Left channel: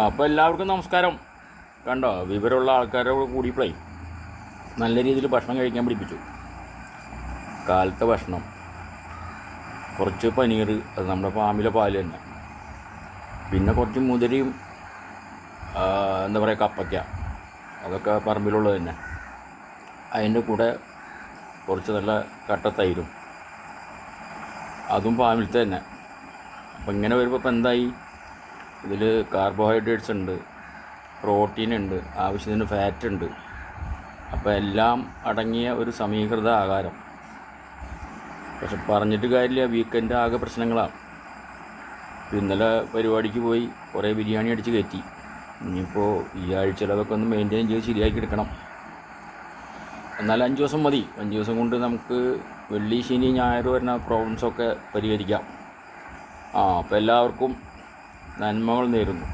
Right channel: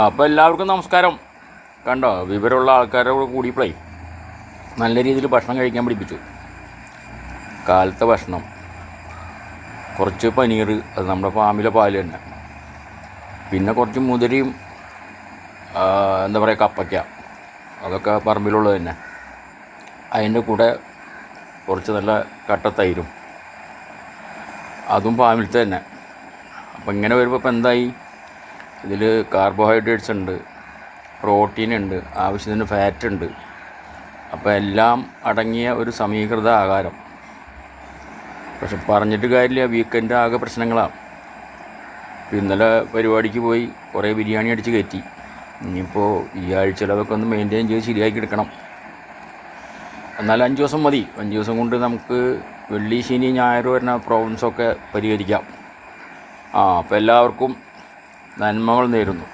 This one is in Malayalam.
അപ്പോൾ എല്ലാവർക്കും നമസ്കാരം. കണ്ടോ, വിവരമുള്ള ആൾക്കാരോട് കൂടിയപ്പോഴേ നല്ല രീതിയിൽ ഭക്ഷണം കഴിക്കാൻ പഠിപ്പിച്ചു. കാലത്തെ ഭക്ഷണം, കുറച്ച് പനീർ, അത് നമ്മുടെ ഫാമിലെ പാല് തന്നെ, പിന്നെ കുറച്ച് മുതിരയും എന്താ പറയുക കപ്പയ്ക്ക, അതൊക്കെ പറമ്പിലുള്ളത് തന്നെ. അതിൻ്റെ കൂടെ കുറച്ച് നല്ല കട്ട തൈരും, അതും ഫാമിലത്തെ തന്നെ. അപ്പം ഇങ്ങനെ വരുമ്പോൾ ഇപ്പം എന്തായി, ഇതിൽ കാർബോഹൈഡ്രേറ്റ്സ് ഉണ്ട്, പ്രോട്ടീൻ ഉണ്ട്, ആവശ്യത്തിന് ഫാറ്റ് ഉണ്ട്. അപ്പോൾ എല്ലാം അടങ്ങിയ ഒരു സമീകൃത ആഹാരം. പക്ഷെ പറഞ്ഞിട്ട് കാര്യമില്ല, വീക്കെൻഡ് ആകെ പ്രശ്നങ്ങളാണ്. ഇന്നലെ പരിപാടിക്ക് പോയി കുറേ ബിരിയാണി അടിച്ച് കയറ്റി. ഇനിയിപ്പോൾ ഈ ആഴ്ചയിൽ അതൊക്കെ ഒന്ന് മെയിൻറ്റെയിൻ ചെയ്ത് ശരിയാക്കി എടുക്കണം. എന്നാൽ 5 ദിവസം മതി. 5 ദിവസം കൊണ്ട് നമുക്ക് വെള്ളി, ശനി, ഞായർ വരുന്ന പ്രോബ്ലംസൊക്കെ പരിഹരിക്കാം. അപ്പോൾ എല്ലാവർക്കും നന്മകൾ നേരുന്നു.